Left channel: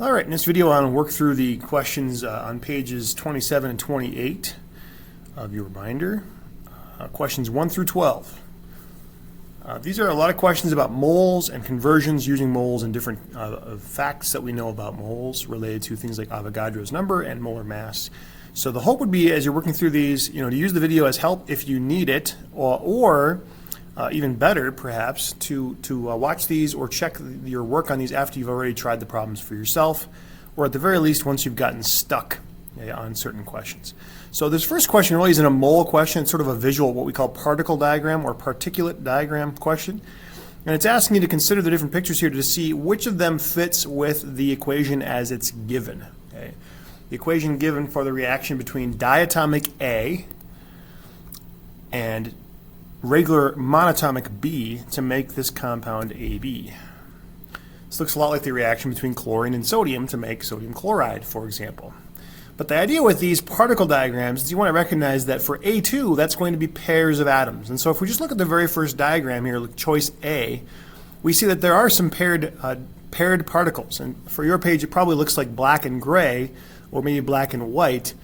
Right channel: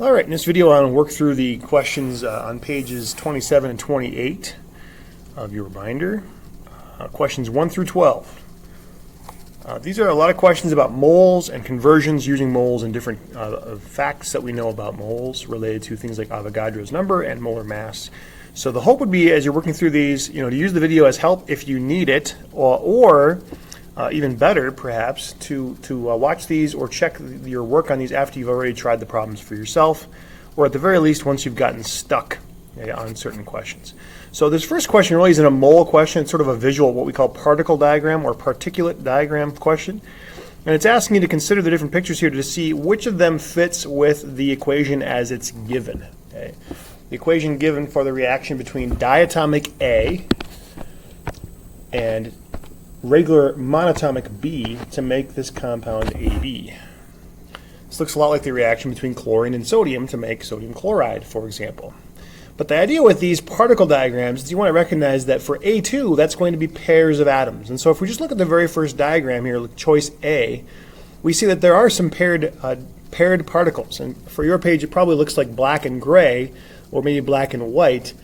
All right, in this video I want to work through the questions on pages 27 and 28 of your binder, questions 1 through 12. These are a lot of questions about moles and conversions using moles and different facts that we know about moles related to things like Avogadro's number and molar mass. So the hope would be, as you're working through these, to use the video as help if you need it, or even better, perhaps, to watch these or check your work on these after you've already tried the problems for yourself, or at the very least once you've gotten stuck on certain questions. So this first question really isn't a mole question. It's sort of a visual, what we call particle diagram or particulate diagram question. And it's asking you to consider the different pictures here to see which of them fits with the equation as it's given. Okay? The equation given for the reaction between diatomic A and regular monatomic B to make this compound AB. This looks a lot like the reaction between chlorine and sodium to make sodium chloride, for example. But the idea with these particle diagrams is you want to recognize that for A2, that's going to be pairs of atoms. And so if we just look at the very first diagram here, choice A, we see that there are some paired particles. And for your page, it probably looks like black and gray, or maybe black and white.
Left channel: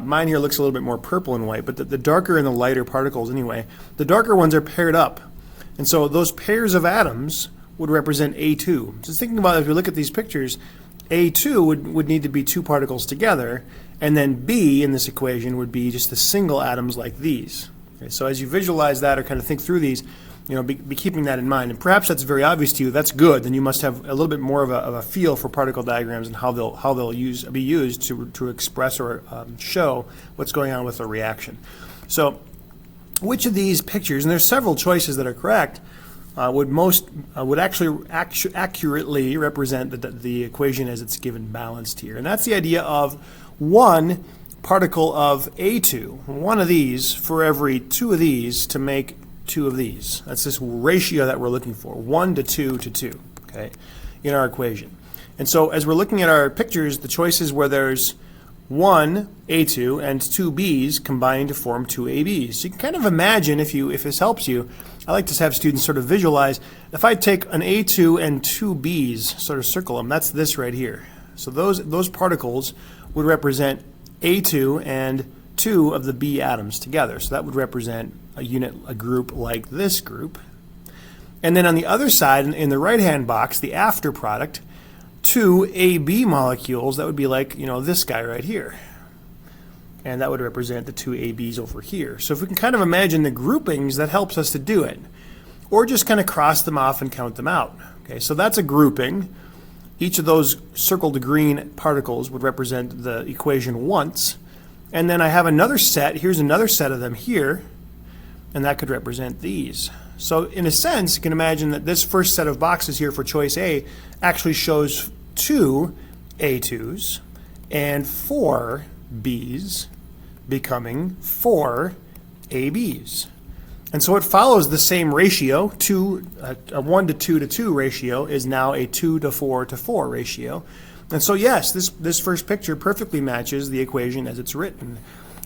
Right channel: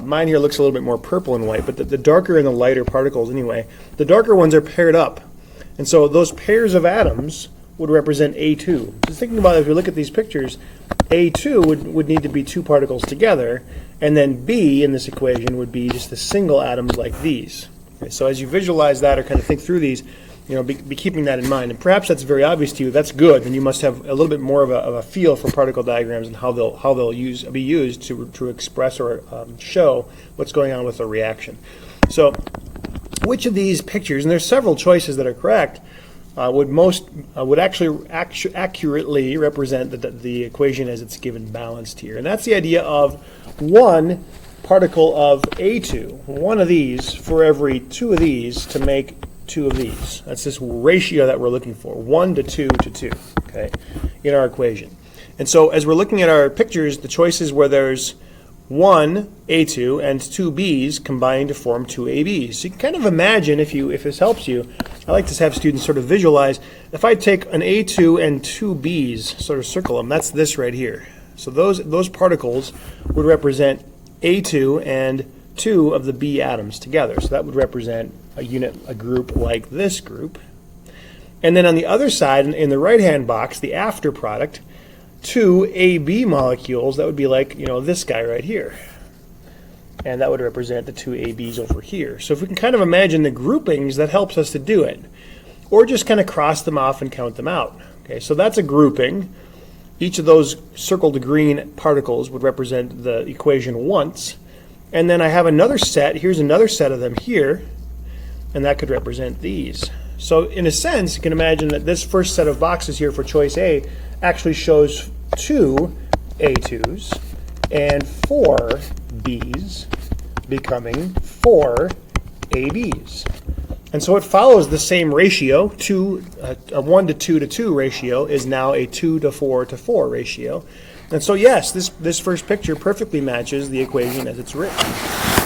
Mine here looks a little bit more purple and white, but the darker and the lighter particles anyway, the darker ones are paired up. And so those pairs of atoms would represent A2. Just thinking about it, as we look at these pictures, A2 would need to be two particles together, and then B in this equation would be just the single atoms like these. Okay, so as you visualize that or kind of think through these, be keeping that in mind. And perhaps that's very obvious to you. That's good. Then you must have a little bit more of a feel for particle diagrams and how they'll be used to express or show what's going on with a reaction. So which of these pictures, and there's several choices that are correct, would actually accurately represent the equation as it's given balanced here. And that's the idea of one particle of A2, one of these for every two of these to make two of these. That's this ratio that we're looking for, 1 to 2 to 2, okay, in our equation. And so as we're looking at our pictures, the choices where there's one A2 and two B's combined to form two ABs. So you can kind of imagine, if this helps you, I like to have students sort of visualize, if I take an A2 and two B's, sort of circle them, that's this right here. So those particles would represent A2 and two of the B atoms together. So that would represent a group like this group. And then on the other side, in the right-hand box, the after product, two AB molecules, that would be like, this guy right here. And that would represent the two ABs over here. So if we can kind of imagine the groupings, that helps us to do it. Or just kind of cross them off and count them out. Okay, so that's a grouping. Each of those circled green particles would represent the equation once. And then I have another set, here's another set of them here, and that could represent these. So in a sense, you can imagine that this first set of boxes here for choice A actually shows two A2s and four B's becoming four ABs. And so it follows the same ratio. A 1 to 2 to 2 ratio is now a 2 to 4 to 4 ratio. And so yes, this first picture perfectly matches the equation as it's written.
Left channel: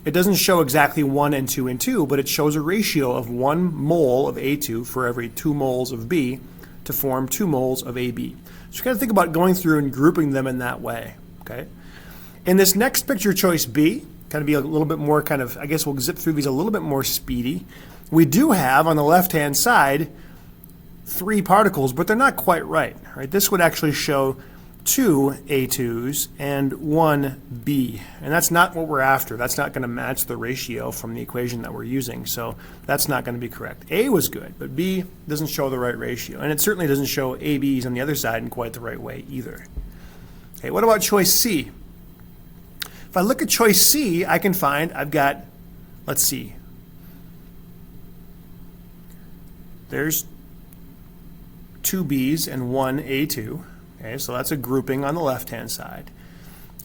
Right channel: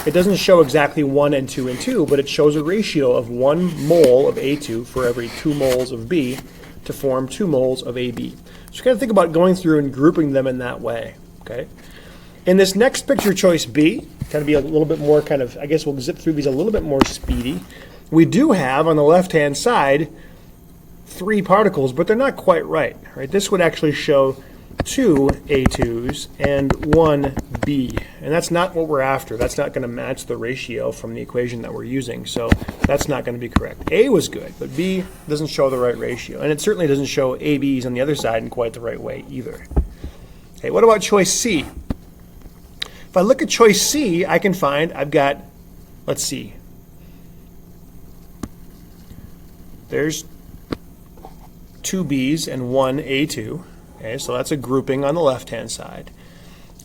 It doesn't show exactly 1 and 2 and 2, but it shows a ratio of 1 mole of A2 for every 2 moles of B to form 2 moles of AB. So you kind of think about going through and grouping them in that way. Okay. In this next picture, choice B, kind of be a little bit more I guess we'll zip through these a little bit more speedy. We do have on the left-hand side 3 particles, but they're not quite right. Right? This would actually show 2 A2s and 1 B. And that's not what we're after. That's not going to match the ratio from the equation that we're using. So that's not going to be correct. A was good, but B doesn't show the right ratio. And it certainly doesn't show ABs on the other side in quite the right way either. Okay, what about choice C? If I look at choice C, I can find I've got, let's see, there's 2 B's and 1 A2. Okay, so that's a grouping on the left-hand side.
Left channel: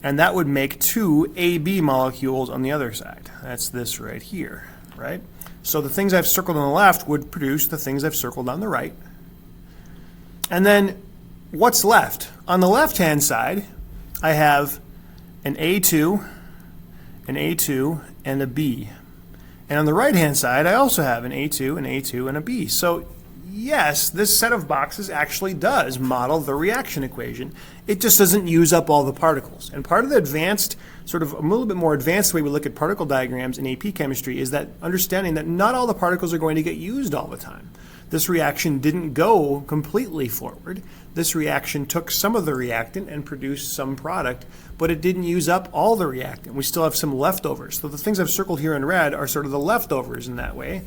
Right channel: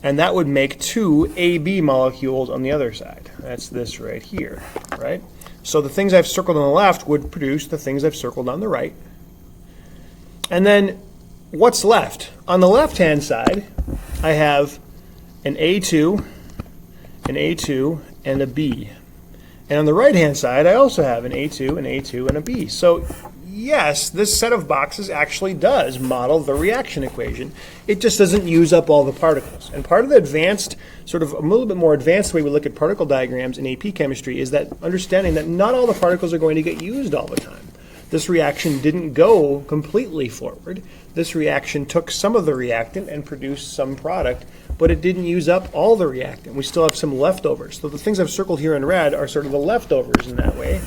And that would make 2 AB molecules on the other side. That's this right here, right? So the things I've circled on the left would produce the things I've circled on the right. And then what's left? On the left-hand side, I have an A2, and a B. And on the right-hand side, I also have an A2, and a B. So yes, this set of boxes actually does model the reaction equation. It just doesn't use up all the particles. And part of the advanced, sort of a little bit more advanced way we look at particle diagrams in AP chemistry is that understanding that not all the particles are going to get used all the time. This reaction didn't go completely forward. This reaction took some of the reactant and produced some product, but it didn't use up all the reactant. We still have some leftovers. So the things I've circled here in red are sort of the leftovers in that way.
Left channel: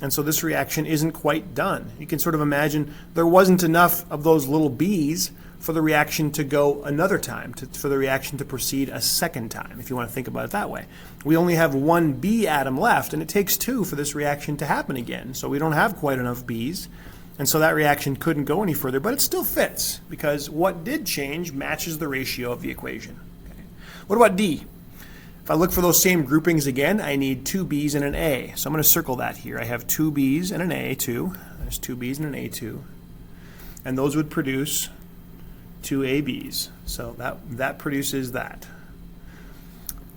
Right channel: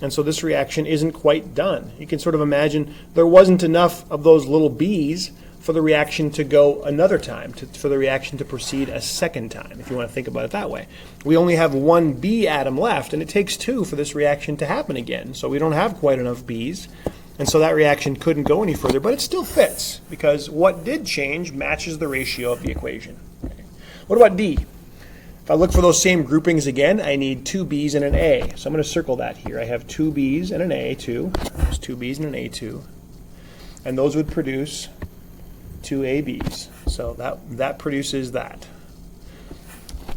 And so this reaction isn't quite done. You can sort of imagine there wasn't enough of those little B's for the reaction to go another time, for the reaction to proceed a second time, if you want to think about it that way. We only have one B atom left, and it takes two for this reaction to happen again. So we don't have quite enough B's, and so that reaction couldn't go any further, but it still fits, because what did change matches the ratio of the equation. Okay. What about D? If I look for those same groupings again, I need two B's and an A. So I'm going to circle that here. I have two B's and an A2. There's two B's and an A2. And those would produce two ABs. So that produces that.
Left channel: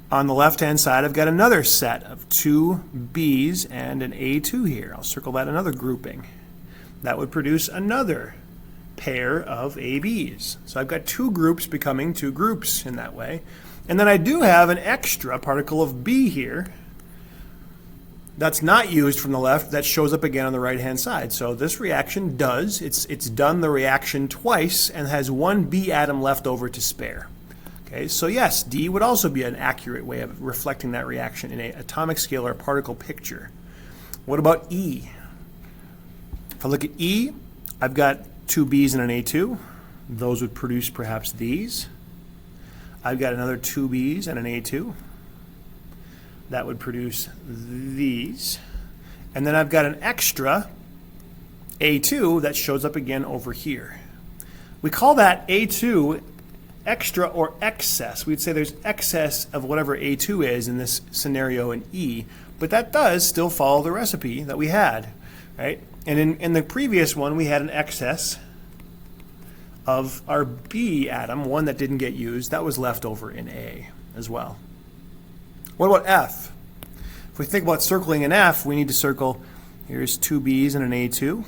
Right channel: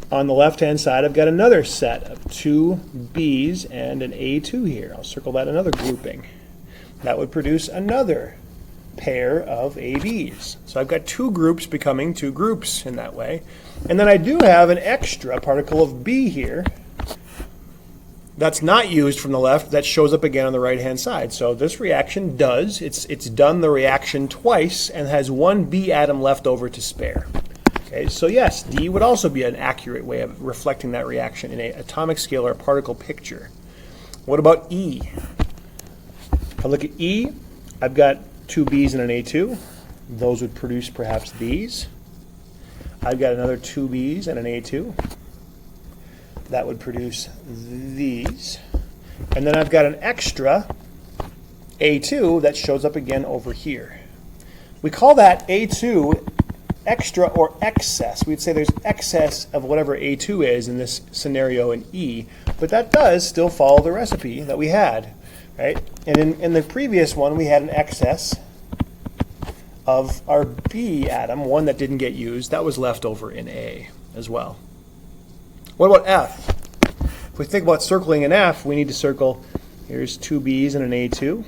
On the left-hand side, I've got another set of two B's and an A2 here. I'll circle that another grouping. That would produce another pair of ABs. So I've got two groups becoming two groups in that way. And then I do have an extra particle of B here that's not used from the left, that shows up again on the right-hand side. So this reaction does, it's done the reaction twice and has one B atom left over to spare. Okay, so yes, D would also be an accurate way of reflecting that reaction in an atomic scale or particle picture. What about E? If I look at E, I've got two B's and an A2. Those would produce perhaps these. I've got another two B's and an A2. That would produce these. And then I've got an extra A2 that shows up again over here. We call that A2 extra or excess. We'd say there's excess of whatever A2 is in this scenario in E, but that does still follow the recipe that we had, right? And in the previous one, we had an excess of our B atom, one that didn't get used. That was left over in A as well. What about F? If we think about circling an F, we need to circle, here's two B's and an A2,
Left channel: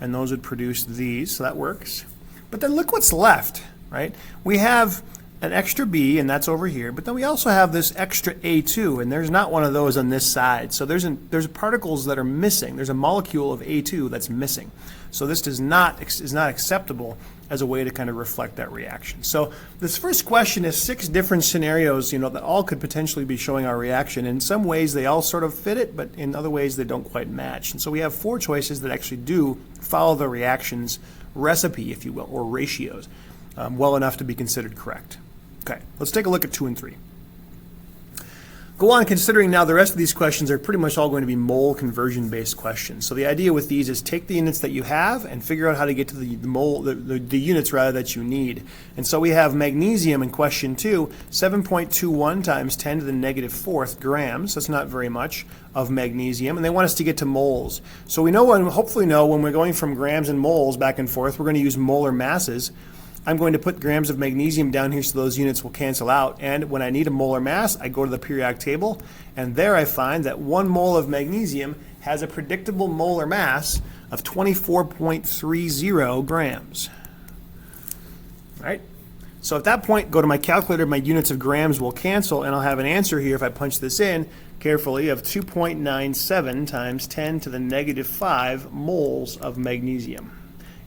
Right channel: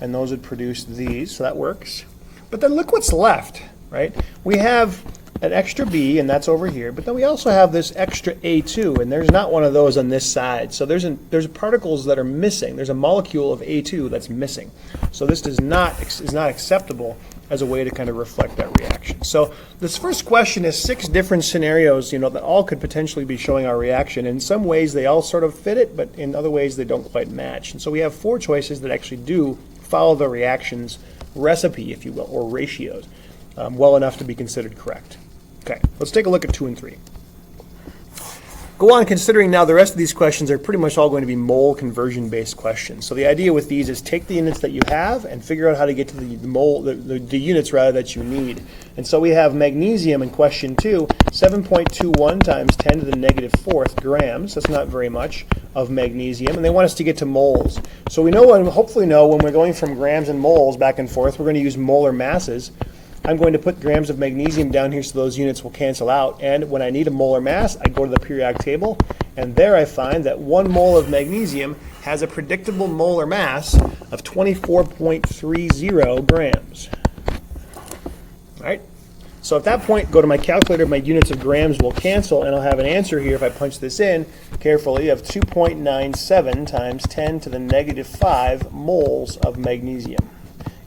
and those would produce these, so that works. But then look what's left, right? We have an extra B, and that's over here, but then we also have this extra A2, and there's not one of those on this side. So there's particles that are missing. There's a molecule of A2 that's missing. So this is not acceptable as a way to kind of reflect that reaction. So this first question is 6 different scenarios, that all could potentially be showing our reaction. In some ways they all sort of fit it, but in other ways they don't quite match. And so we have 4 choices that actually do follow the reaction's recipe, if you will, or ratios, well enough to be considered correct. Okay, let's take a look at 2 and 3. Go on considering now the rest of these questions are pretty much all going to be mole conversion based questions. So the idea with these is take the units that you have and figure out how to get to the units rather that you need. And so we have magnesium in question 2, 7.21 times 10 to the negative 4th grams. That's not very much of magnesium, and they want us to get to moles. So we know, and hopefully know, when we're going from grams and moles back and forth, we're going to use molar masses. I'm going to put grams of magnesium down here so those units will cancel out. And when I need a molar mass, I go to the periodic table, and there I find that 1 mole of magnesium has a predictable molar mass of 24.30 grams. All right? So at that point, go to my calculator, my units of grams will cancel, and I'll have an answer here if I punch this in carefully of 2.97 times 10 to the negative 5 moles of magnesium.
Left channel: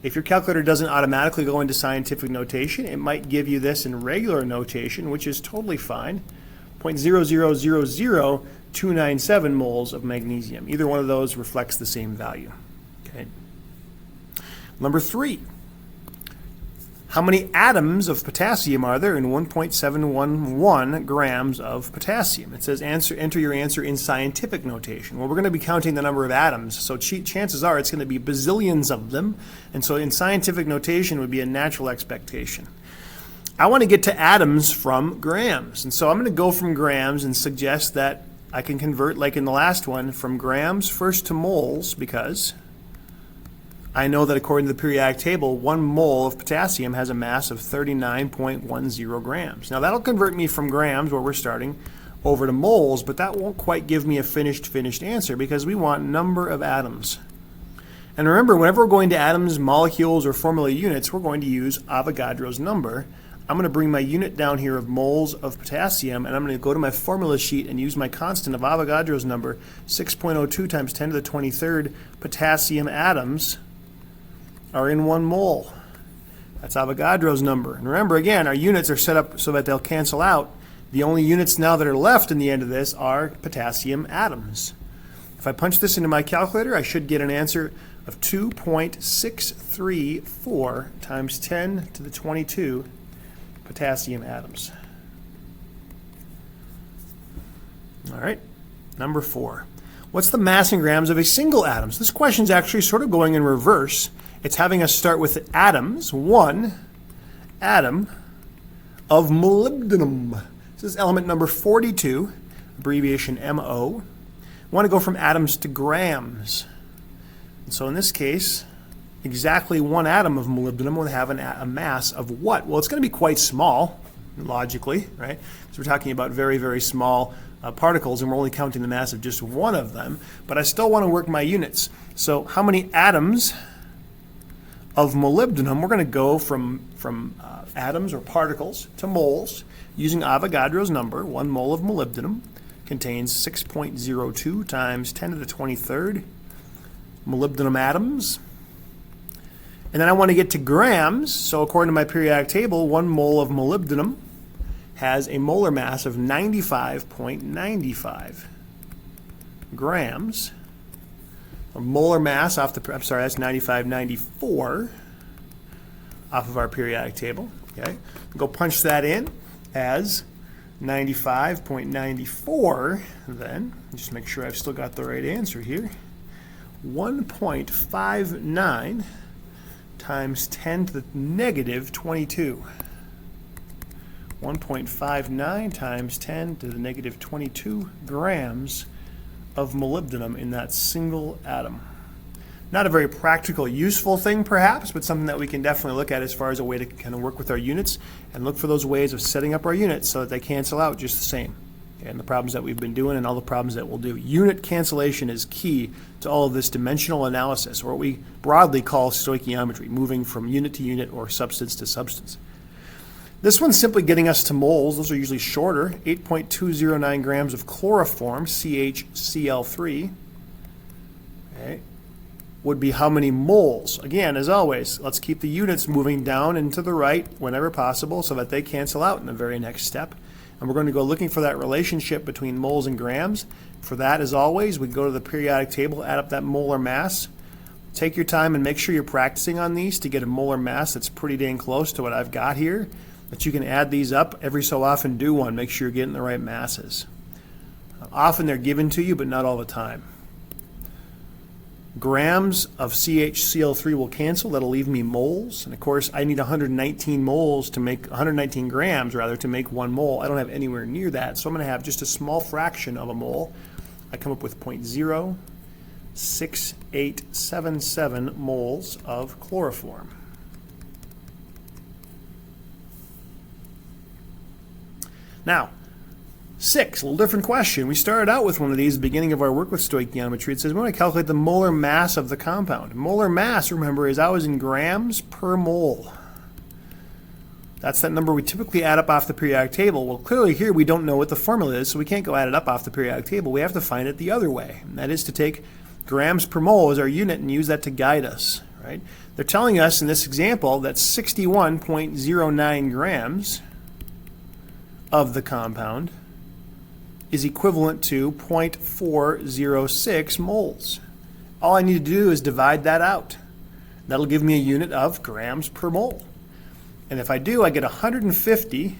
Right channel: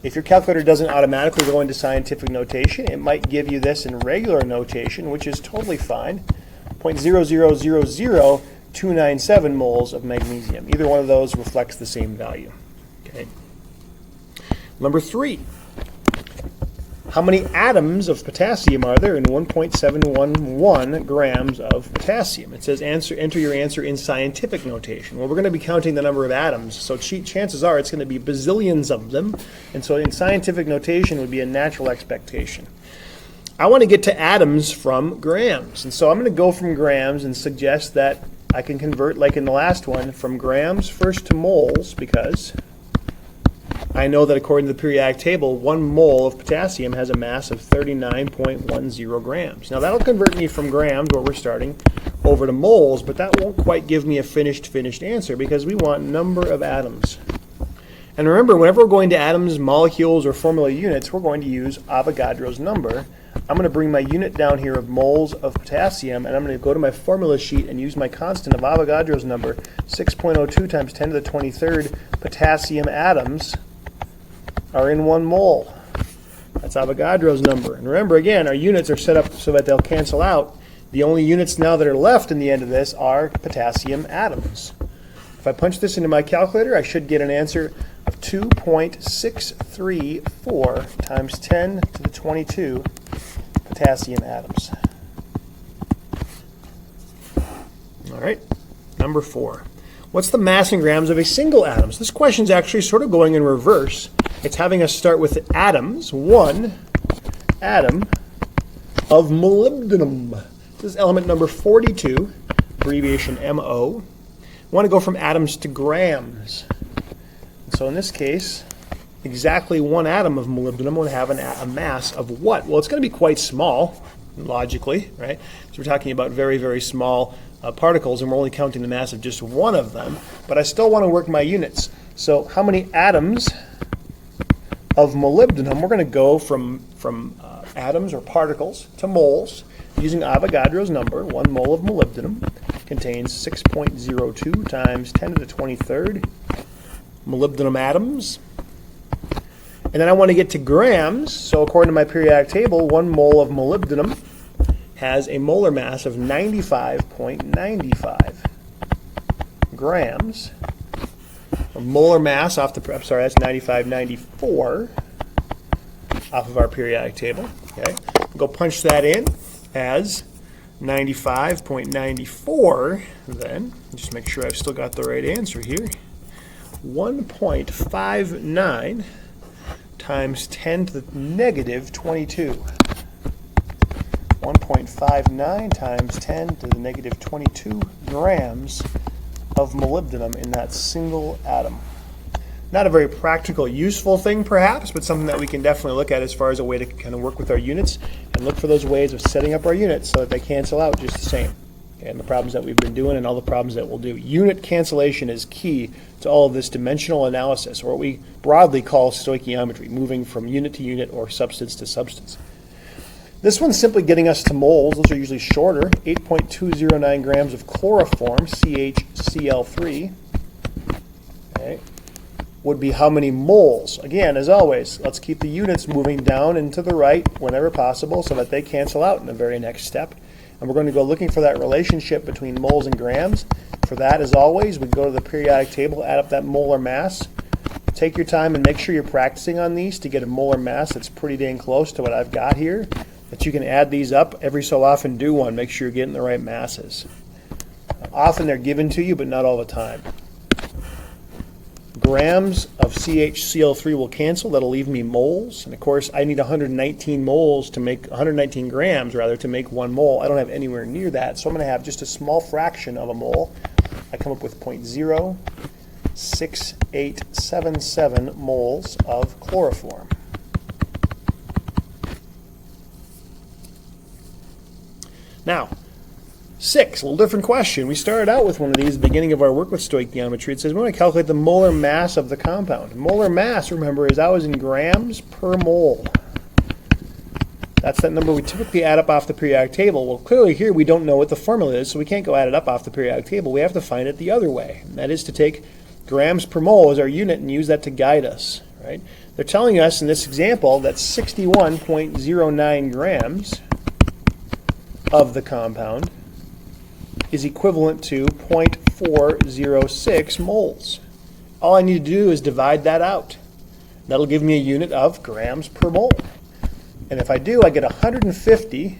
If your calculator doesn't automatically go into scientific notation, it might give you this in regular notation, which is totally fine. 0.0000297 moles of magnesium. Either one of those reflects the same value. Okay. Number 3. How many atoms of potassium are there in 1.711 grams of potassium? It says enter your answer in scientific notation. Well, we're going to be counting the number of atoms, so chances are it's going to be bazillions of them, and so in scientific notation would be a natural expectation. I want to get to atoms from grams, and so I'm going to go from grams and suggest that I can convert, like in the last one, from grams first to moles, because I know that according to the periodic table, 1 mole of potassium has a mass of 39.10 grams. Now that'll convert me from grams, where we're starting, over to moles, but that won't quite give me a finished answer because we want number of atoms. And remember, whenever we're going to atoms, molecules, or formula units, we're going to use Avogadro's number. I'm going to bring my unit down here of moles of potassium, and I'm going to go to my formula sheet and use my constant of Avogadro's number, 6.02 times 10 to the 23rd potassium atoms are in 1 mole. That's Avogadro's number. And remember, again, our units are set up so that they'll cancel out. The only units now that are left in the end of this are potassium atoms. If I punch this into my calculator, I should get an answer of 2.634 times 10 to the 22 potassium atoms. All right, number 4. What's the mass in grams of a single atom? So this question is actually sort of going in reverse. It's having us start with atoms. 1 atom of molybdenum. This is element number 42, abbreviation MO. We want to go from atoms to grams. And so in this case, exactly 1 atom of molybdenum will have a mass of what? Well, it's going to be quite small, logically, right? So we're talking about very, very small particles, and we're only counting the mass of just 1 of them. But I still want to work my units. So how many atoms of molybdenum? We're going to go from atoms or particles to moles using Avogadro's number. 1 mole of molybdenum contains 6.02 times 10 to the 23rd molybdenum atoms. And then I want to get to grams. So according to my periodic table, 1 mole of molybdenum has a molar mass of 95.95 grams. A molar mass off the, I'm sorry, that's 95.94 off of our periodic table. Okay, go punch that in as 95.94. Then just make sure I've still got the right answer here. 1.59 times 10 to the negative 22. 1.59 times 10 to the negative 22 grams of molybdenum in that single atom. Not a very practical, useful thing perhaps, but something that we can definitely look at as far as a way to kind of work with our units and look for those ways of setting up our units so that they cancel out just the same. And the problems that we've been doing and all the problems that we'll do. Unit cancellation is key to all of this dimensional analysis, or what we broadly call stoichiometry, moving from unit to unit or substance to substance. This one's simply getting us to moles. Those are usually shorter. 8.209 grams of chloroform, CHCl3, okay, would be how many moles? Again, as always, let's keep the units moving down and to the right whenever possible so that they cancel out in the very next step. And we're going to go looking for that relationship between moles and grams. For that, as always, we go to the periodic table, add up that molar mass. Take your time and make sure you're practicing on these to get a molar mass that's pretty dang close to what I've got here. But you can add these up every so often. Do one. Make sure you're getting the right masses. Often they're given to you, but not all the time. Grams of CHCl3 will cancel. That'll leave me moles. And of course, I need 119 moles to make 119 grams rather to make 1 mole. I don't have anywhere near that, so I'm going to have just a small fraction of a mole. I come up with 0.06877 moles of chloroform. Now, 6, a little different question. We started out with one of these at the beginning of our work with stoichiometry. It says we want to calculate the molar mass of the compound. Molar mass, remember, is always in grams per mole. That's that number we typically add up off the periodic table. Well, clearly here we don't know what the formula is, so we can't go add it up off the periodic table. We have to find it the other way. And that is to take grams per mole as our unit and use that to guide us. Right? They're telling us in this example that 61.09 grams of the compound is equivalent to 0.406 moles. All I need to do is divide that out. That'll give me a unit of grams per mole. And if I do, I get 150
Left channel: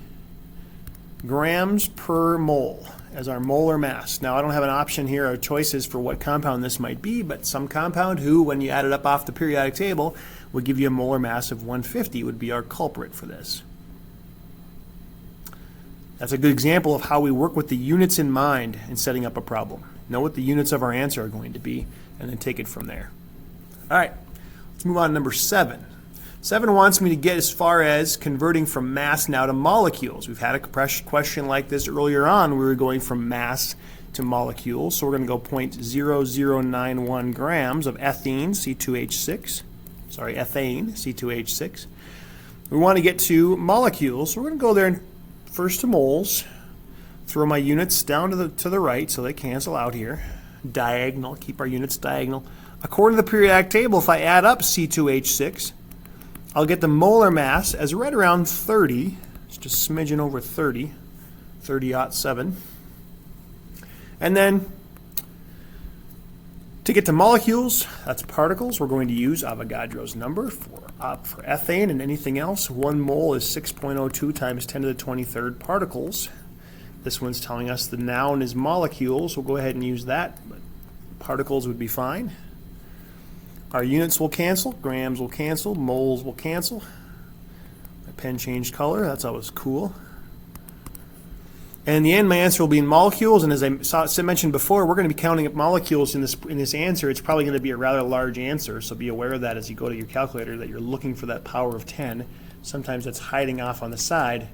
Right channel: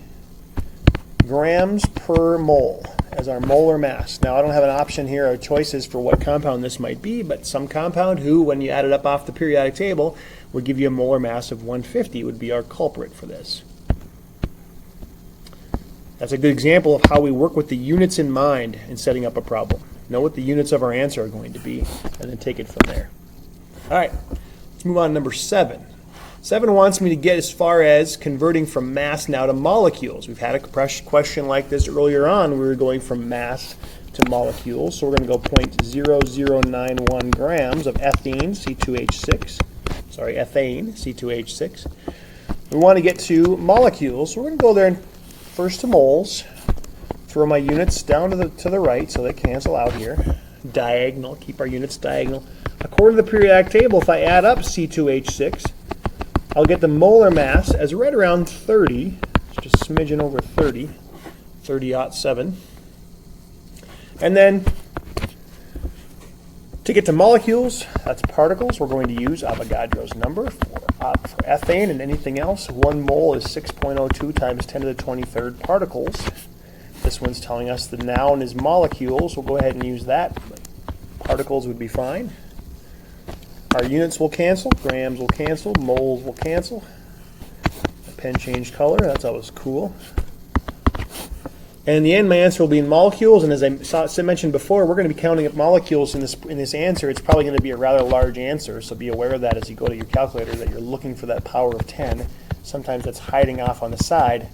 grams per mole as our molar mass. Now, I don't have an option here or choices for what compound this might be, but some compound who, when you add it up off the periodic table, would give you a molar mass of 150 would be our culprit for this. That's a good example of how we work with the units in mind in setting up a problem. Know what the units of our answer are going to be, and then take it from there. All right, let's move on to number 7. 7 wants me to get as far as converting from mass now to molecules. We've had a question like this earlier on. We were going from mass to molecules. So we're going to go 0.0091 grams of ethane, C2H6. Sorry, ethane, C2H6. We want to get to molecules, so we're going to go there first to moles. Throw my units down to the right so they cancel out here. Diagonal, keep our units diagonal. According to the periodic table, if I add up C2H6, I'll get the molar mass as right around 30. It's just a smidgen over 30, 30.7. And then to get to molecules, that's particles, we're going to use Avogadro's number for ethane and anything else. 1 mole is 6.02 times 10 to the 23rd particles. This one's telling us the noun is molecules. We'll go ahead and use that, but particles would be fine. Our units will cancel, grams will cancel, moles will cancel. The pen changed color, that's always cool. And in the end, my answer will be in molecules, and as I mentioned before, we're going to be counting up molecules in this answer. It's probably going to be a rather large answer, so be aware of that as you go to your calculator, that you're looking for that power of 10. Sometimes that's hiding off on the side.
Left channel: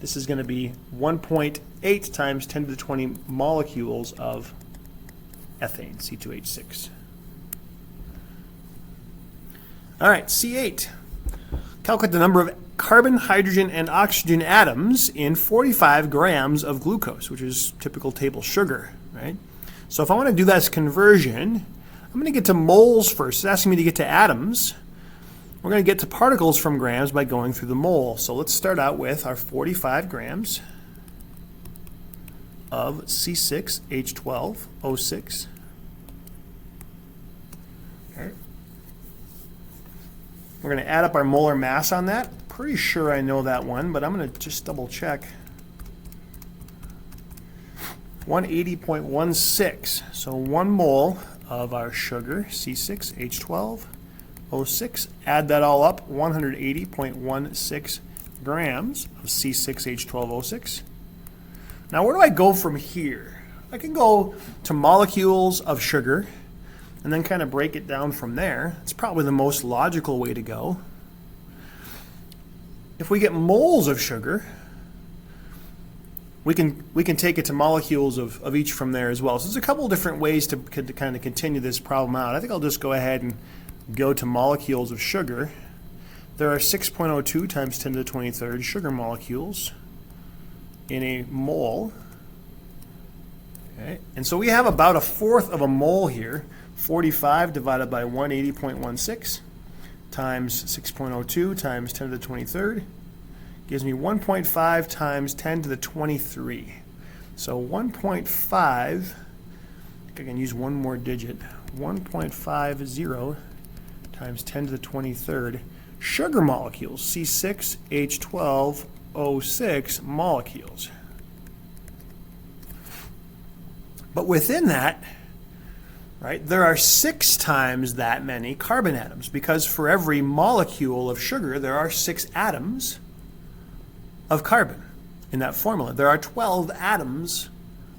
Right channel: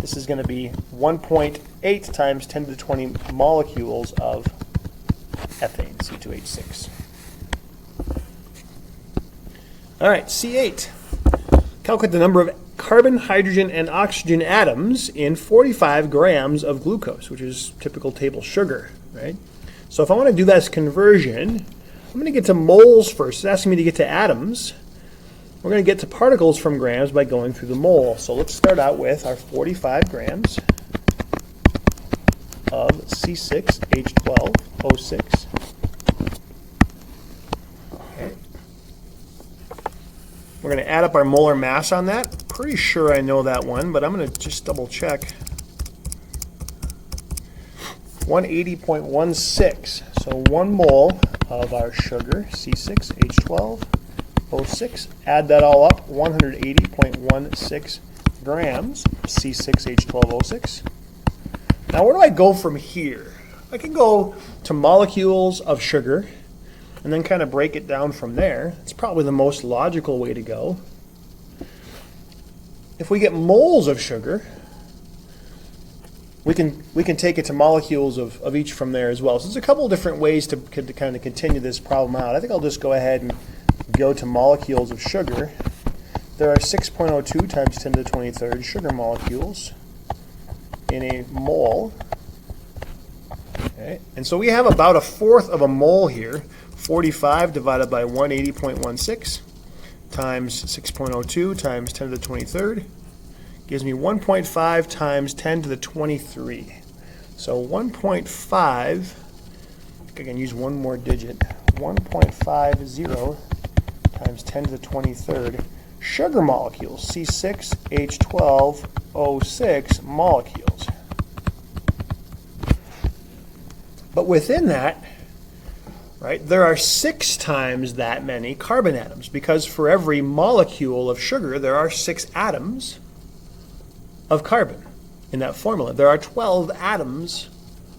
This is going to be 1.8 times 10 to the 20 molecules of ethane, C2H6. All right, C8. Calculate the number of carbon, hydrogen, and oxygen atoms in 45 grams of glucose, which is typical table sugar, right? So if I want to do this conversion, I'm going to get to moles first. It's asking me to get to atoms. We're going to get to particles from grams by going through the mole. So let's start out with our 45 grams of C6H12O6. Okay. We're going to add up our molar mass on that. Pretty sure I know that one, but I'm going to just double check. 180.16. So 1 mole of our sugar, C6H12O6. Add that all up, 180.16 grams of C6H12O6. Now where do I go from here? I can go to molecules of sugar and then kind of break it down from there. It's probably the most logical way to go. If we get moles of sugar, we can take it to molecules of each from there as well. So there's a couple of different ways to kind of continue this problem out. I think I'll just go ahead and go to molecules of sugar. There are 6.02 times 10 to the 23rd sugar molecules in a mole. Okay. And so we have about 1/4 of a mole here. 45 divided by 180.16 times 6.02 times 10 to the 23rd gives me 1.5 times 10 to the 23. So 1.5, I think I can use one more digit, 1.50 times 10 to the 23rd sugar molecules, C6H12O6 molecules. But within that, right, there are 6 times that many carbon atoms, because for every molecule of sugar, there are 6 atoms of carbon in that formula. There are 12 atoms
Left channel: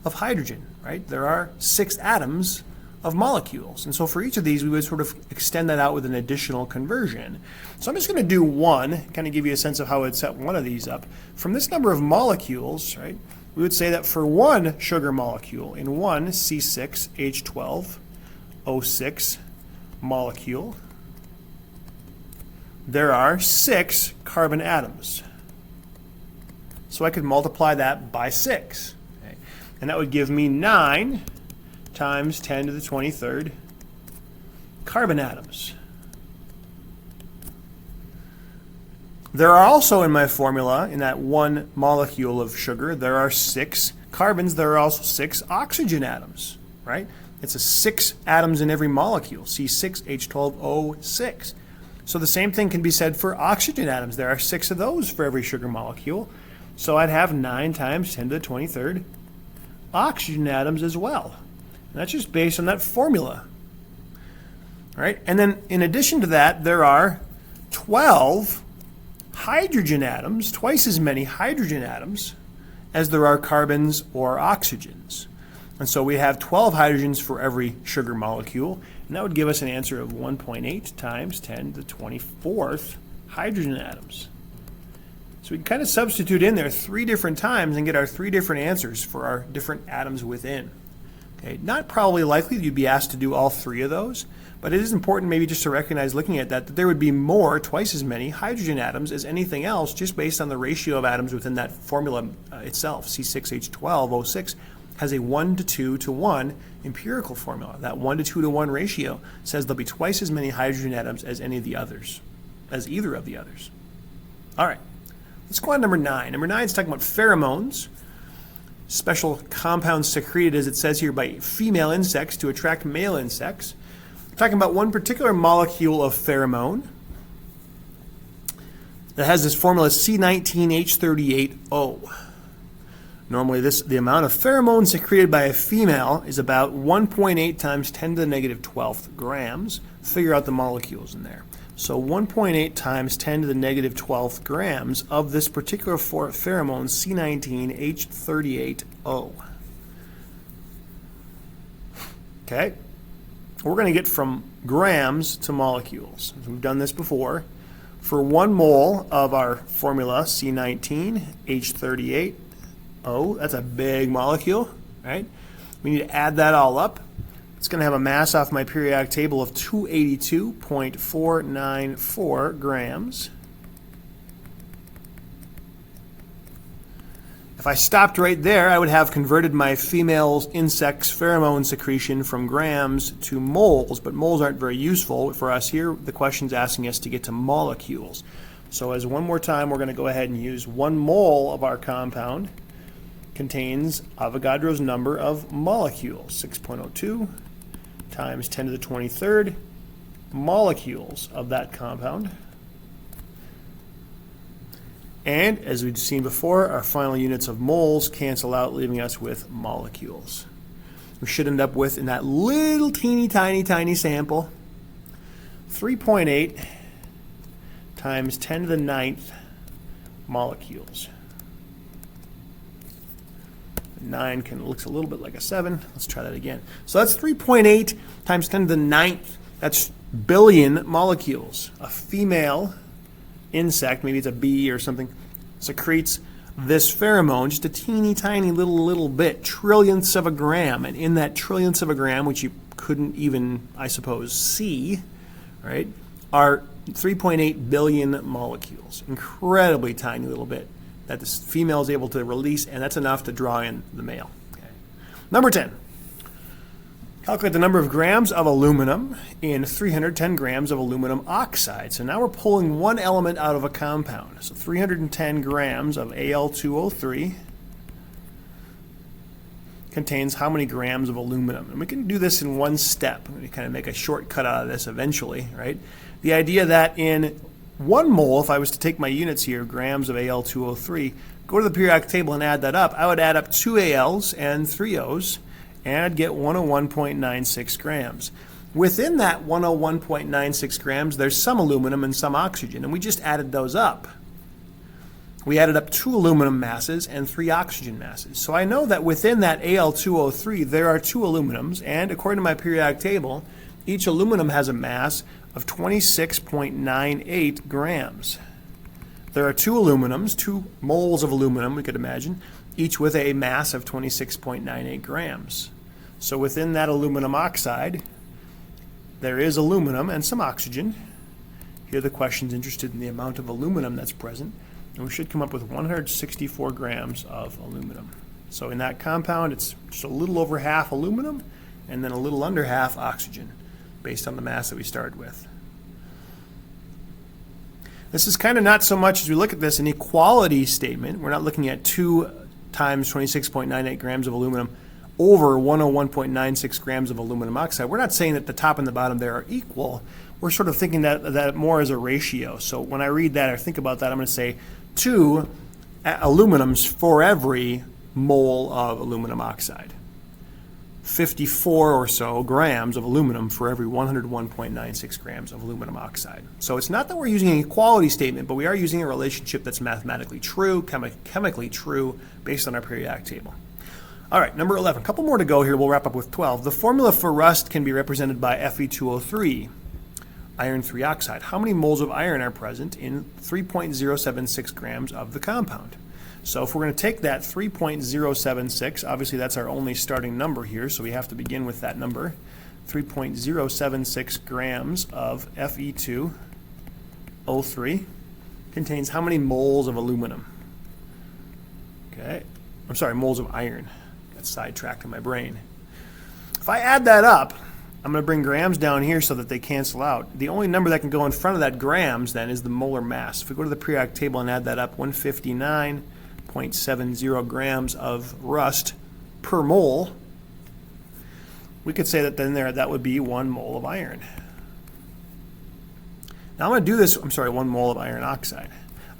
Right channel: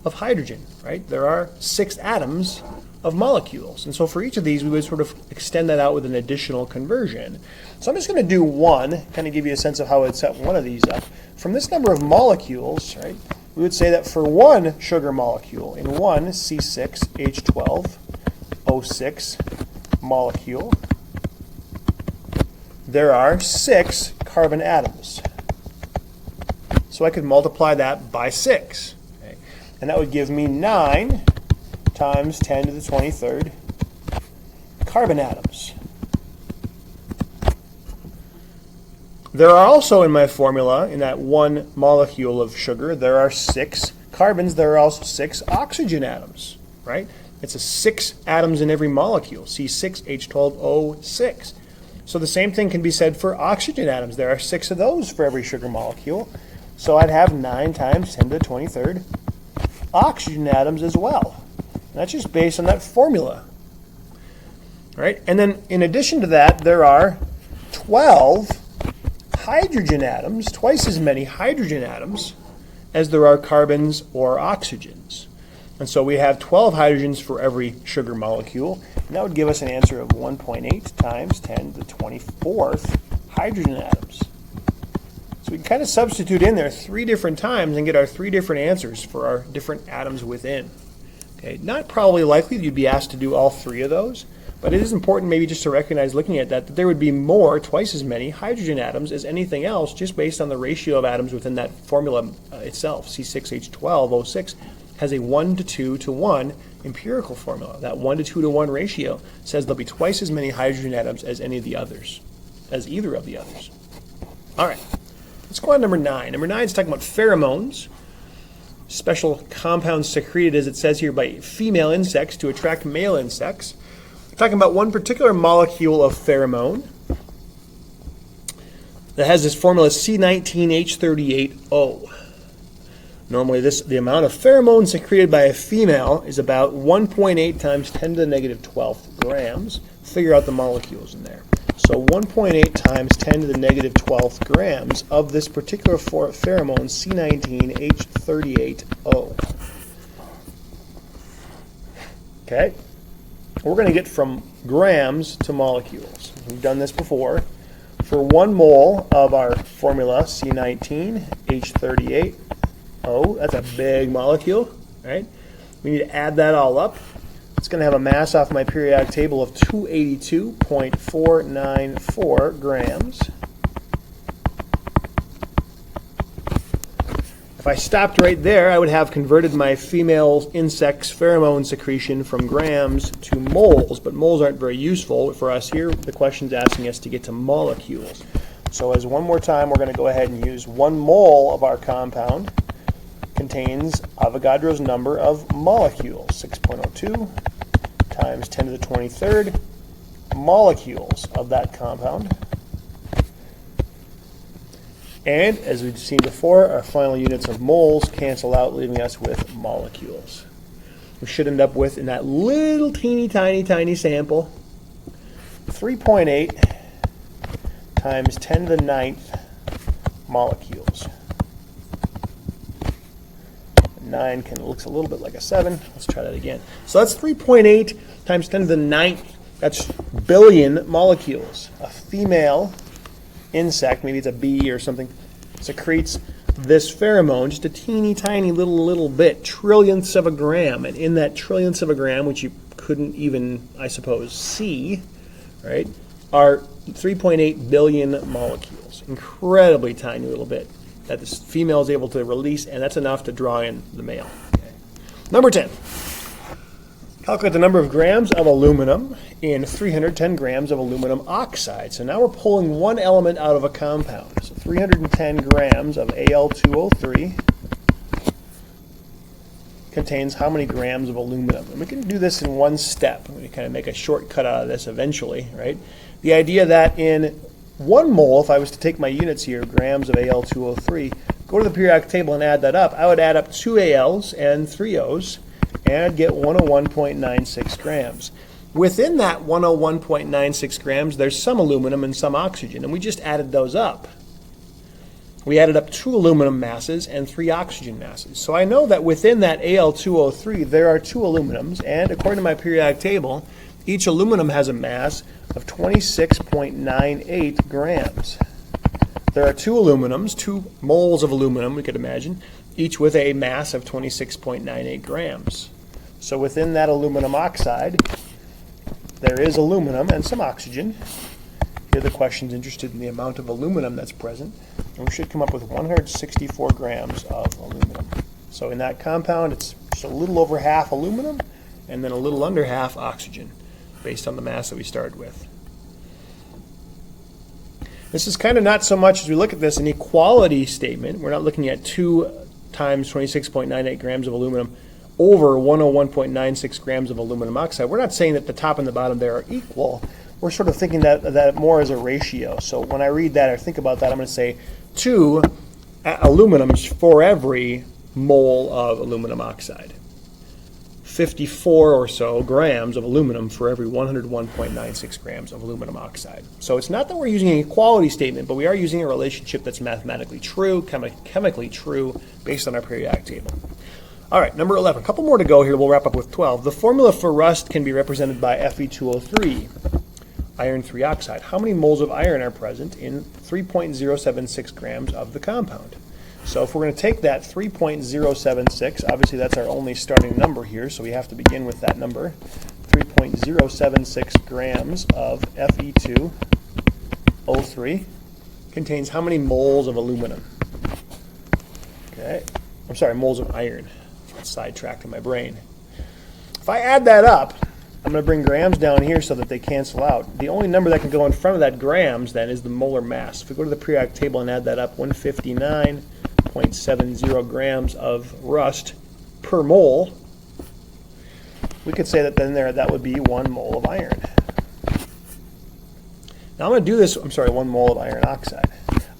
of hydrogen, right? There are 6 atoms of molecules. And so for each of these, we would sort of extend that out with an additional conversion. So I'm just going to do one, kind of give you a sense of how I'd set one of these up. From this number of molecules, right, we would say that for one sugar molecule, in one C6H12O6 molecule, there are 6 carbon atoms. So I could multiply that by 6. Okay? And that would give me 9 times 10 to the 23rd carbon atoms. There are also in my formula, in that one molecule of sugar, there are 6 carbons. There are also 6 oxygen atoms, right? It's 6 atoms in every molecule, C6H12O6. So the same thing can be said for oxygen atoms. There are 6 of those for every sugar molecule. So I'd have 9 times 10 to the 23rd oxygen atoms as well. And that's just based on that formula. All right? And then in addition to that, there are 12 hydrogen atoms, twice as many hydrogen atoms as there are carbons or oxygens. And so we have 12 hydrogens for every sugar molecule, and that would give us an answer of 1.8 times 10 to the 24th hydrogen atoms. So we can kind of substitute in there 3 different times and get our 3 different answers for our different atoms within. Okay, not probably likely that you'd be asked to do all three of those, but it is important maybe just to recognize looking at that there would be more, twice as many, hydrogen atoms as anything else just based on the ratio of atoms within that formula itself. C6H12O6 has a 1 to 2 to 1 empirical formula. That 1 to 2 to 1 ratio says there'll be twice as many hydrogen atoms as any of the others, as either of the others. All right, let's go on to number 9. Number 9 is talking about pheromones. Special compounds secreted, as it says here, by female insects to attract male insects. We're talking about one particular molecule of pheromone that has this formula C19H38O. Normally, the amount of pheromone secreted by a female is about 1.8 times 10 to the negative 12th grams. Figure out the molecules in there. So 1.8 times 10 to the negative 12th grams of this particular pheromone, C19H38O. Okay? We're going to get from grams to molecules. We've done this before. For 1 mole of our formula, C19H38O, that's a big molecule, right? We need to add that all up. It's going to have a mass off my periodic table of 282.494 grams. If I stopped right there, I would have converted my female insect's pheromone secretion from grams to moles, but moles aren't very useful for us here. The question's asking us to get to molecules. So as one more time, we're going to go ahead and use 1 mole of our compound contains Avogadro's number of molecules, 6.02 times 10 to the 23rd molecules of that compound. And as we've seen before, our final units of moles cancel out, leaving us with molecules. We should end up with, in that little teeny tiny sample, 3.8 times 10 to the 9th molecules. 9 looks a little bit like a 7. Let's try that again. So that's 3.8 times 10 to the 9th. That's billion molecules. A female insect, maybe it's a bee or something, secretes this pheromone, just a teeny tiny little bit, trillionths of a gram. And in that trillionths of a gram, which you couldn't even, I suppose, see, right, are 3.8 billion molecules. Incredibly tiny little bit that this female is able to release, and that's enough to draw in the male. Okay. Number 10. Calculate the number of grams of aluminum in 310 grams of aluminum oxide. So now we're pulling one element out of a compound. So 310 grams of Al2O3 contains how many grams of aluminum? And we can do this in one step. We kind of make a shortcut out of this eventually, right? The idea that in 1 mole, if I was to take my units here, grams of Al2O3, go to the periodic table and add that up, I would add up 2 Als and 3 Os, and I'd get 101.96 grams. Within that 101.96 grams, there's some aluminum and some oxygen, and we just added those up. We added up 2 aluminum masses and 3 oxygen masses. So I know that within that Al2O3, there are 2 aluminums, and according to my periodic table, each aluminum has a mass of 26.98 grams. There are 2 aluminums, 2 moles of aluminum, we could imagine, each with a mass of 26.98 grams. So within that aluminum oxide, there is aluminum and some oxygen. Here the question's interested in the amount of aluminum that's present, and we should come up with 164 grams of aluminum. So in that compound, it's just a little over half aluminum and then a little under half oxygen, based on the mass that we started with. This is kind of not so much, as we look at this, an equality statement. We're not looking at 2 times 26.98 grams of aluminum over 101.96 grams of aluminum oxide. We're not saying that the top and the bottom there are equal. We're sort of thinking that more as a ratio. So when I read that or think about that, I'm going to say 2 aluminums for every mole of aluminum oxide. 54 or so grams of aluminum for every 101.96 grams of aluminum oxide. So it's not that we're using an equality statement, but we are using a relationship that's mathematically true, chemically true, based on our periodic table. All right, number 11. A couple more to go here. We'll wrap up with 12. The formula for rust can be represented by Fe2O3, iron 3 oxide. How many moles of iron are present in 3.076 grams of the compound? So if we're going to take that 3.076, obviously that's our only starting number here, so we have to begin with that number. 3.076 grams of Fe2O3 contains how many moles of aluminum? Okay, I'm sorry, moles of iron. That's sidetracked in my brain. If I add that up, I'm going to bring grams down here so that they cancel out. The only number that can go in front of that grams then is the molar mass. If we go to the periodic table and add that up, 159.70 grams of rust per mole, we could say that then that would be 1 mole of iron. Now I'm going to do this, 1 mole of iron oxide.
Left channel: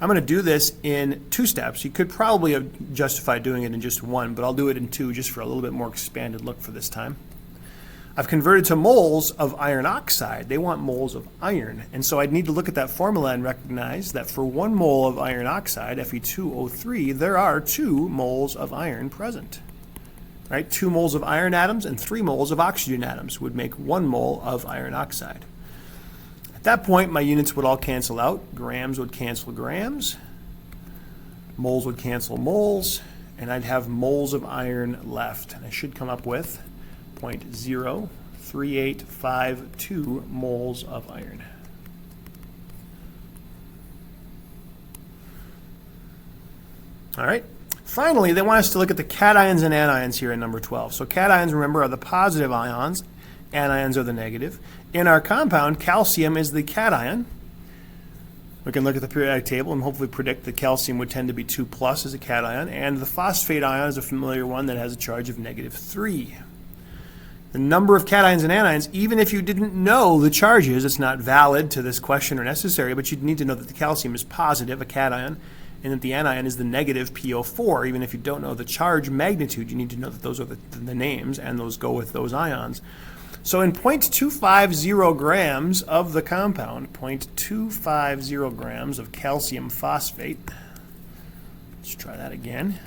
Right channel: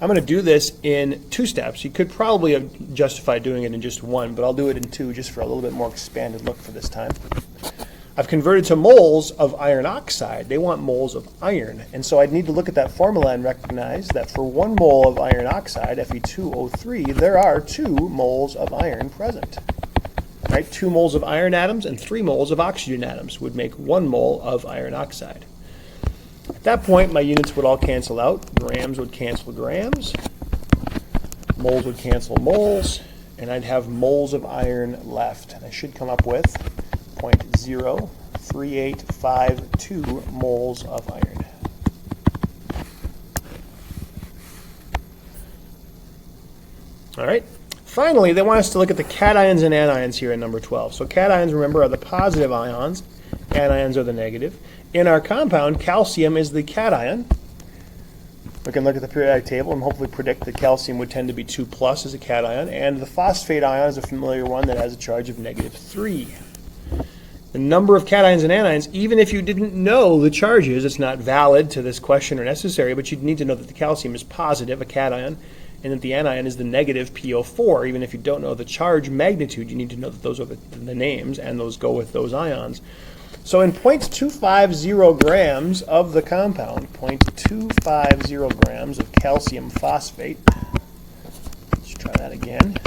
I'm going to do this in 2 steps. You could probably justify doing it in just 1, but I'll do it in 2 just for a little bit more expanded look for this time. I've converted to moles of iron oxide. They want moles of iron. And so I'd need to look at that formula and recognize that for 1 mole of iron oxide, Fe2O3, there are 2 moles of iron present. Right? 2 moles of iron atoms and 3 moles of oxygen atoms would make 1 mole of iron oxide. At that point, my units would all cancel out. Grams would cancel grams. Moles would cancel moles. And I'd have moles of iron left. And I should come up with 0.03852 moles of iron. All right. Finally, they want us to look at the cations and anions here in number 12. So cations, remember, are the positive ions. Anions are the negative. In our compound, calcium is the cation. We can look at the periodic table and hopefully predict that calcium would tend to be 2 plus as a cation. And the phosphate ion is a familiar one that has a charge of -3. The number of cations and anions, even if you didn't know the charges, it's not valid to this question or necessary, but you'd need to know that the calcium is positive, a cation, and that the anion is the negative PO4. Even if you don't know the charge magnitude, you need to know that those are the names, and those go with those ions. So in 0.250 grams of the compound, 0.250 grams of calcium phosphate, let's try that again.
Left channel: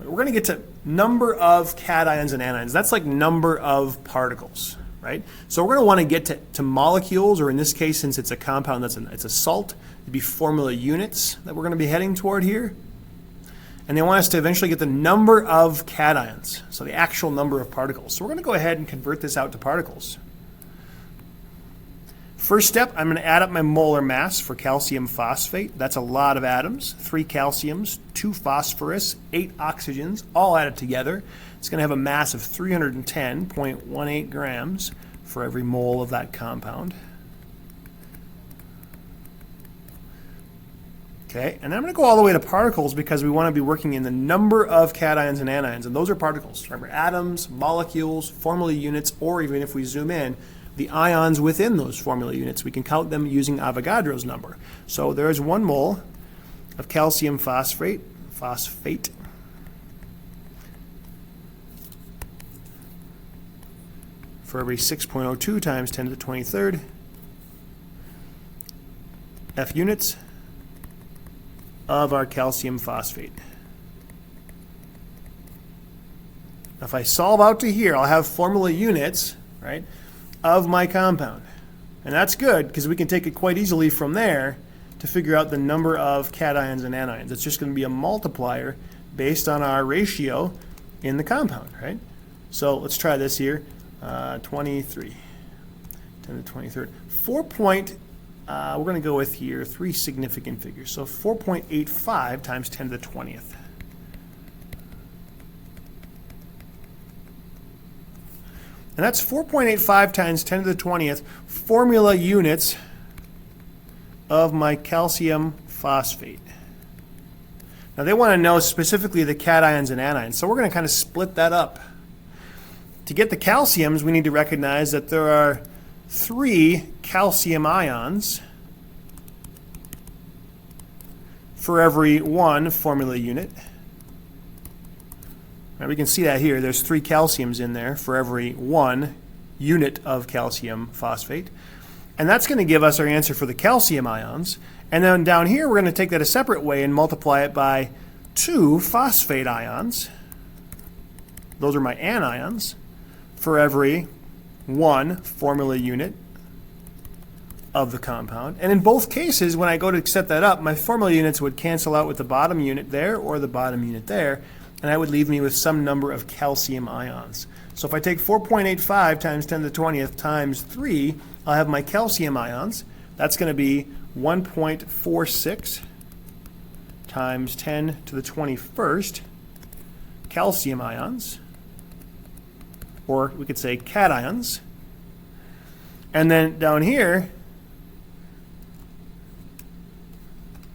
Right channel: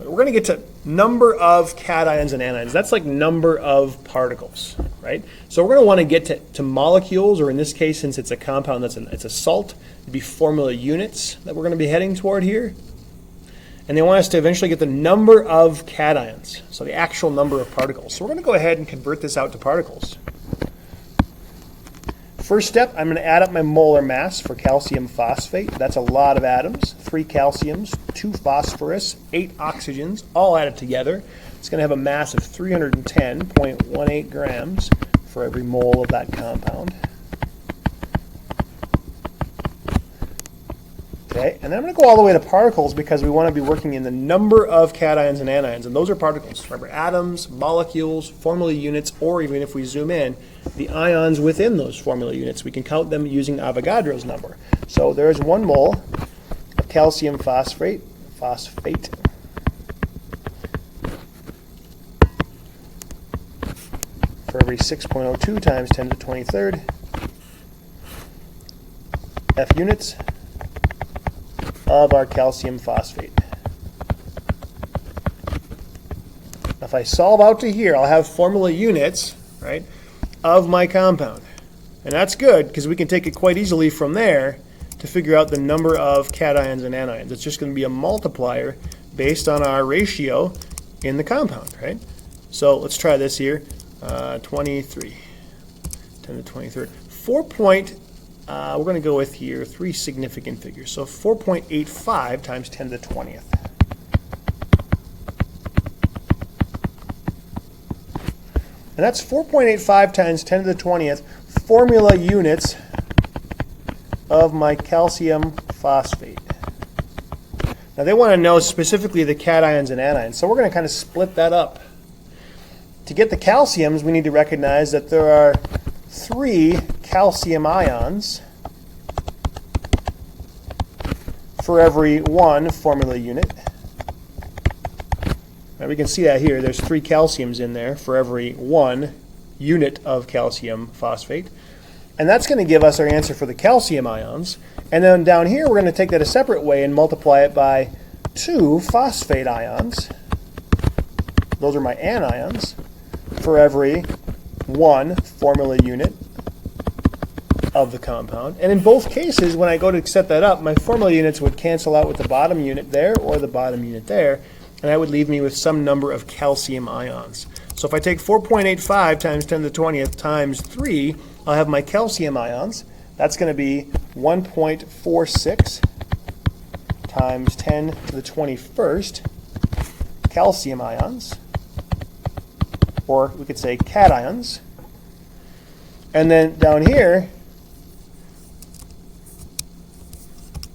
We're going to get to number of cations and anions. That's like number of particles, right? So we're going to want to get to molecules, or in this case, since it's a compound it's a salt, it'd be formula units that we're going to be heading toward here. And they want us to eventually get the number of cations, so the actual number of particles. So we're going to go ahead and convert this out to particles. First step, I'm going to add up my molar mass for calcium phosphate. That's a lot of atoms, 3 calciums, 2 phosphorus, 8 oxygens, all added together. It's going to have a mass of 310.18 grams for every mole of that compound. Okay, and then I'm going to go all the way to particles because we want to be working in the number of cations and anions, and those are particles. Remember, atoms, molecules, formula units, or even if we zoom in, the ions within those formula units. We can count them using Avogadro's number. So there's 1 mole of calcium phosphate, for every 6.02 times 10 to the 23rd F units of our calcium phosphate. If I solve out to here, I'll have formula units, right, of my compound. And that's good because we can take it quite easily from there to figure out the number of cations and anions. It's just going to be a multiplier based on our ratio in the compound, right? So let's try this here. 23, 10 to the 23rd. We're going to go with here 3 significant figures. So 4.85 times 10 to the 20th. And that's 4.85 times 10 to the 20th formula units of my calcium phosphate. Now they want to know specifically the cations and anions. So we're going to kind of split that up. To get the calciums, we need to recognize that there are 3 calcium ions for every 1 formula unit. Now we can see that here. There's 3 calciums in there for every 1 unit of calcium phosphate. And that's going to give us our answer for the calcium ions. And then down here, we're going to take that a separate way and multiply it by 2 phosphate ions. Those are my anions for every 1 formula unit of the compound. And in both cases, when I go to set that up, my formula units would cancel out with the bottom unit there or the bottom unit there, and that would leave me with some number of calcium ions. So if I take 4.85 times 10 to the 20th times 3, I'll have my calcium ions. That's going to be 1.46 times 10 to the 21st calcium ions, or we could say cations. And then down here,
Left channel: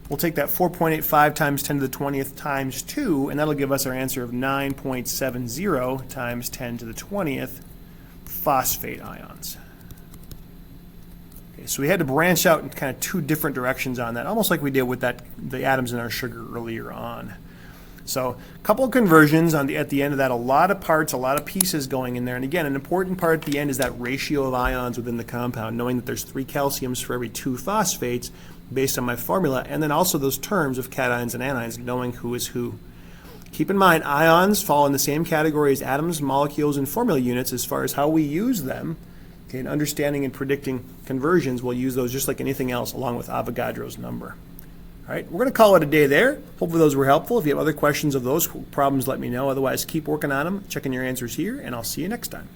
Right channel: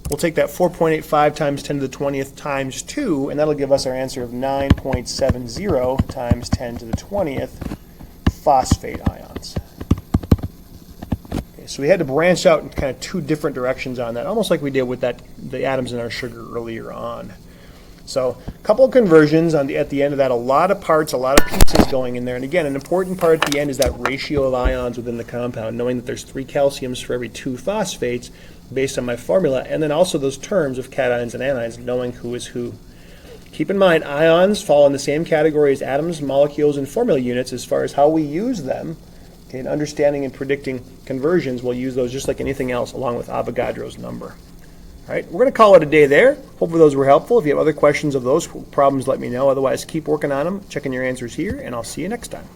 we'll take that 4.85 times 10 to the 20th times 2, and that'll give us our answer of 9.70 times 10 to the 20th phosphate ions. Okay, so we had to branch out in kind of two different directions on that, almost like we did with the atoms in our sugar earlier on. So a couple of conversions at the end of that, a lot of parts, a lot of pieces going in there. And again, an important part at the end is that ratio of ions within the compound, knowing that there's 3 calciums for every 2 phosphates based on my formula, and then also those terms of cations and anions, knowing who is who. Keep in mind, ions fall in the same category as atoms, molecules, and formula units as far as how we use them. In understanding and predicting conversions, we'll use those just like anything else, along with Avogadro's number. All right, we're going to call it a day there. Hopefully those were helpful. If you have other questions of those problems, let me know. Otherwise, keep working on them, checking your answers here, and I'll see you next time.